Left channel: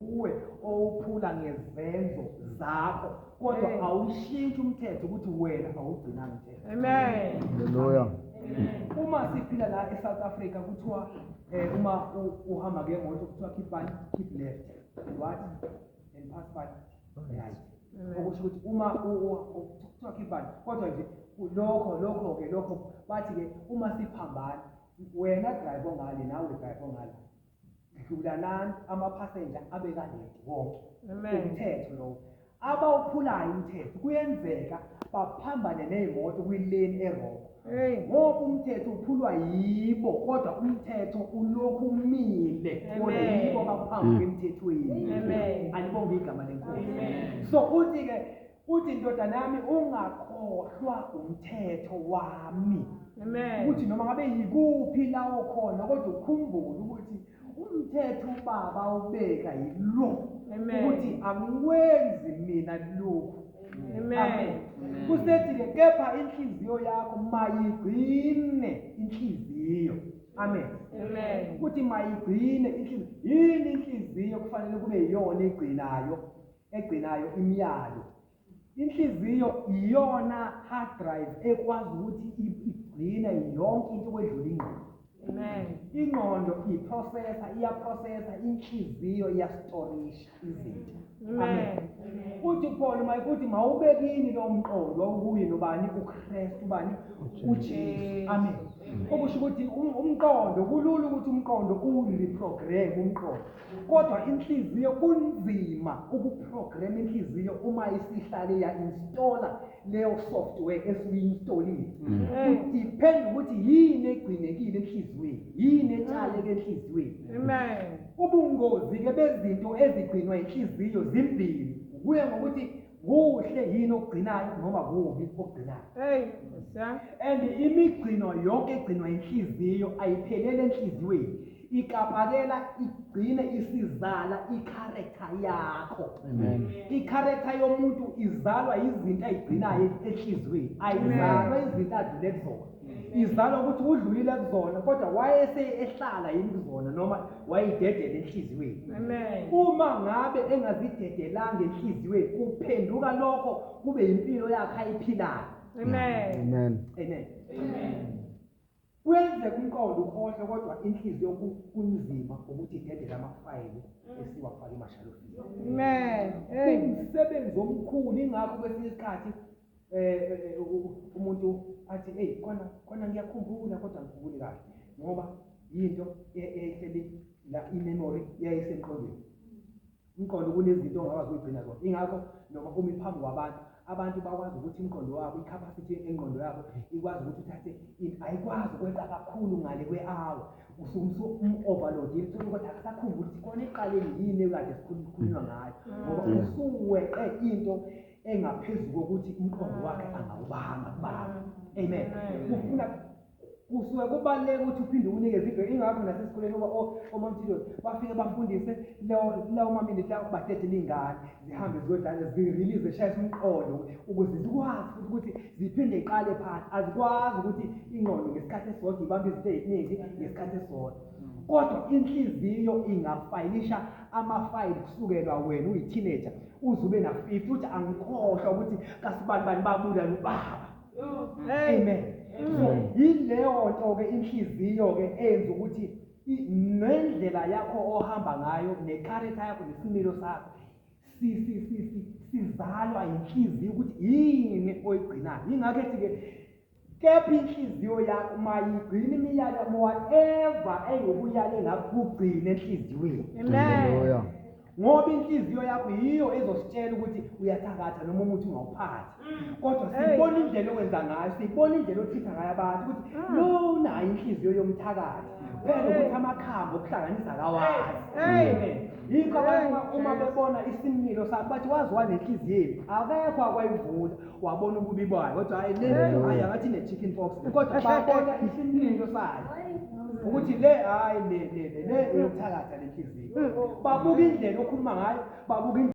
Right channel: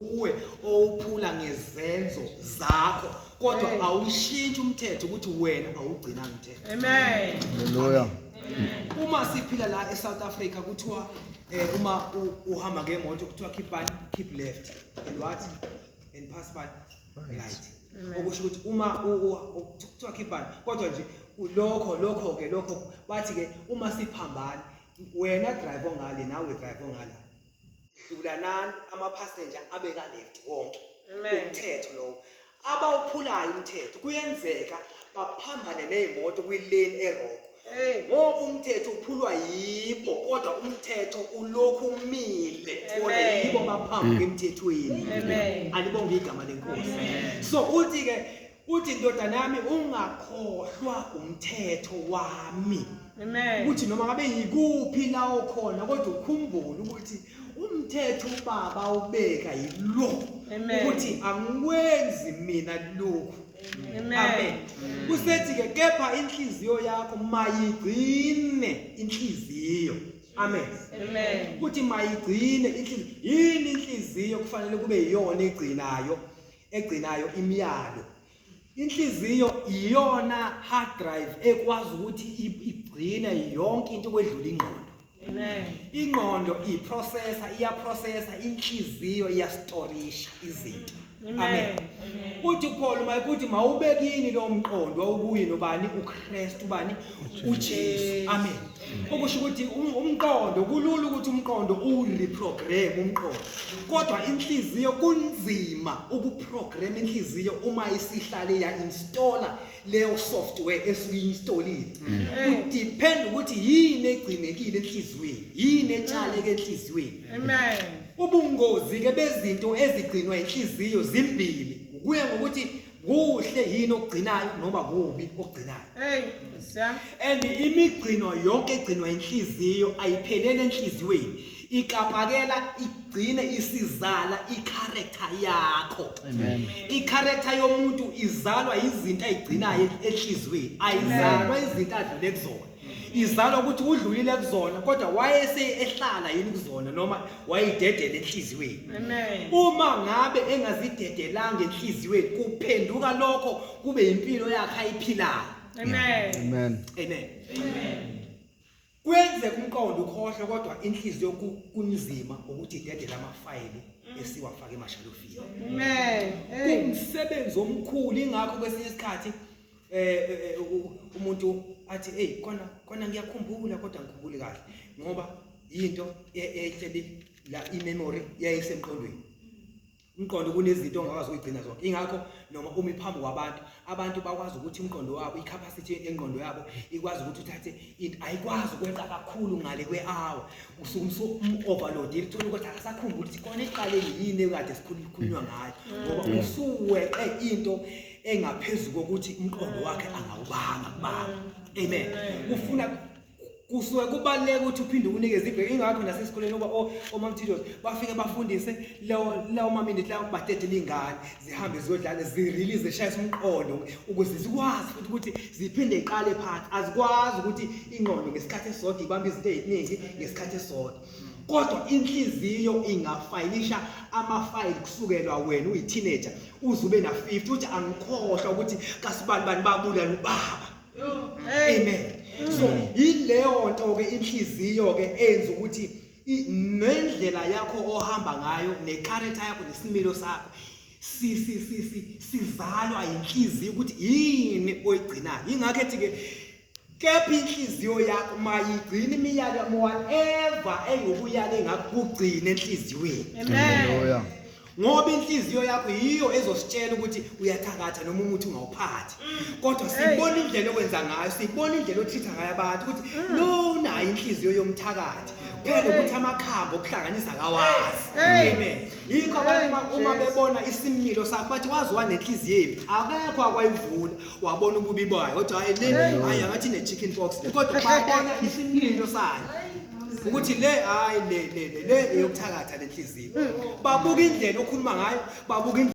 uwe owuphula ngezenzo zakho kodwa awushintsha umthetho ukuthi wena awugcina umthetho. Amen. Hallelujah. Uma siphila la eSouth Africa kuthiwa uma uhamba ngemoto kuthiwa keep left and what and pass by right. Okusho ukuthi uma kuthiwa keep on kodwa nje lokho bathi ke uma siphambana wena driver ngale nawe driver ngala hlulanani ama-passenger abeka left wonke umthetho lo abawuphulayo umthetho kuyenzeka baphambane nezimoto kwilane eroko ngoba umthetho uphulwa yibo kodwa umthetho ulokhu umile kodwa yibo baphambi emthethweni. Alibonge igama lenkosi. So uthi ndodana yami ungakhohlwa umthetho wami. Uthi noma ngabe yikuphi la ukhona kodwa ukhumbule ukuthi umthetho ubaba ubeka yilo ukuthi angikwenzi mina lokhu. Amen. Kusethi ke kepha inhliziyo yakho mayigcine inhliziyo. Amen. Ukuthi mayigcine inhliziyo. Yini inhliziyo kufanele kube iyona egcinayo imiyalo. Inhliziyo iyona hard drive ekwazi ukuthi igcine yonke into kwedlula ingqondo. Ingqondo iyaprocessa, inhliziyo iyastorisha izinto. Amen. Uthi Paul mayikuthi mawubekini lo mqondo okuyi nobani uKristu ubani uJesu. Amen. Okusho ukuthi umqondo kulula ukuthi umqondo ureprogram umqondo. Kodwa inhliziyo kunzima ukuprogram inhliziyo uma isihlale ya-installa leyo software esuyi-installile. Kudepend ukuthi yini egcinekile enhliziyweni, yini etshaleke enhliziyweni. Amen. Ubungozi ke bezinto ezigcinwa inhliziyo zimbili. Kuya ngokuthi kuhle yini okugcinayo noma kubi okugcinayo. And imigcino yonke egcinwa inhliziyo ayiphelele enhliziyweni. Ikapakela igcine isizala i-character yakho. I-character yomuntu izalwa izinto ayigcinayo enhliziyweni. Ayizalwa izinto adlule kuzona. Izalwa ukuthi udlulile kuzona kodwa wayesehlala yini kuzona noma wayidedela enhliziyweni. Uma ngabe engazidedelanga enhliziyweni kuphenduka lokho kube impilo yakhe ayiphilayo. Amen. Kwenzeka umqondo ukhohlwe kodwa inhliziyo kunzima ukuthi idedele amafayili esiwafaka emashalofini. Kumsebenzi omkhulu ingakho kwesinye isikhathi umuntu athi hey kona ngiyakhumbula kodwa ngikhumbuli kahle ngoba into ehleli la imemory yayisemqondweni. Umqondo kunezinto ongakwazi ukugcina zonke. Ingakho noma uma iphambi kwabantu abantu bakwazi ukuthi umqondo wabo icapacity engqondo yabo ikwazi ukuthi uthathe into ayikwazi ukwenza kakhulu ngale kwe-hour overload ithola ukuthi akasakhumbula ukuthi khona eqaleni yini ekade sikhulunywa ngayo ngoba usuweqe into engaphezulu kokuthi umqondo wakhe angawubanga. Amen. Ufuna kusuke kubaleka ukuthi uphinde unikeze ibreak. Ingakho nasesikoleni omamthidos bafike bafundise lawo ma-minute lawo badedele ingane zihambe ziyodlala zirelease zishayise umqondo ukuze zikwazi futhi ukuthi ziphinde iqale phansi. Azikwazi ukuthi ingqondo ngesikhathi esisodwa ibambe izinto eziningi ngesikhathi esisodwa. Kodwa inhliziyo ingafayilisha amafayili kusukela wena uyi-teenager uze ube na 50 uthi angikhohlwa ukuthi kasibani babulala ubaba. Amen. So ileyo nto ke inhliziyo ke enza ukuthi nendlela yakho ohamba ngayo necharacter yakho nesimilo sakho sizalwa inhliziyo ukuthi yini oyigcinayo. Ingakho ethi ke kepha inhliziyo yakho mayigcine imiyalo whatever eyobuyala engakugcina enhliziyweni. Hallelujah. Ngoba inhliziyo yakho yiyo ezositshela ukuthi uyathakatha noma umuthi ungawuphathi. Kodwa sibona indlela okwenza ngayo, sibona indlela othitha ngayo abantu ukuthi lo nayo inhliziyo yomthakathi. Phela ukuthi amakhamba okuhlanganisa kawazi. Amen. Yikho abantu uma bebona isimilo sakho bathi waziwa nenhliziyo yempi akekho akwayivula wabona ububi bayo kodwa hayi angathi ne-chicken pox kodwa babona isimilo sayo ukuthi le eyokuthakatha lenhliziyo. Babuka indlela okhuluma ngayo, babuka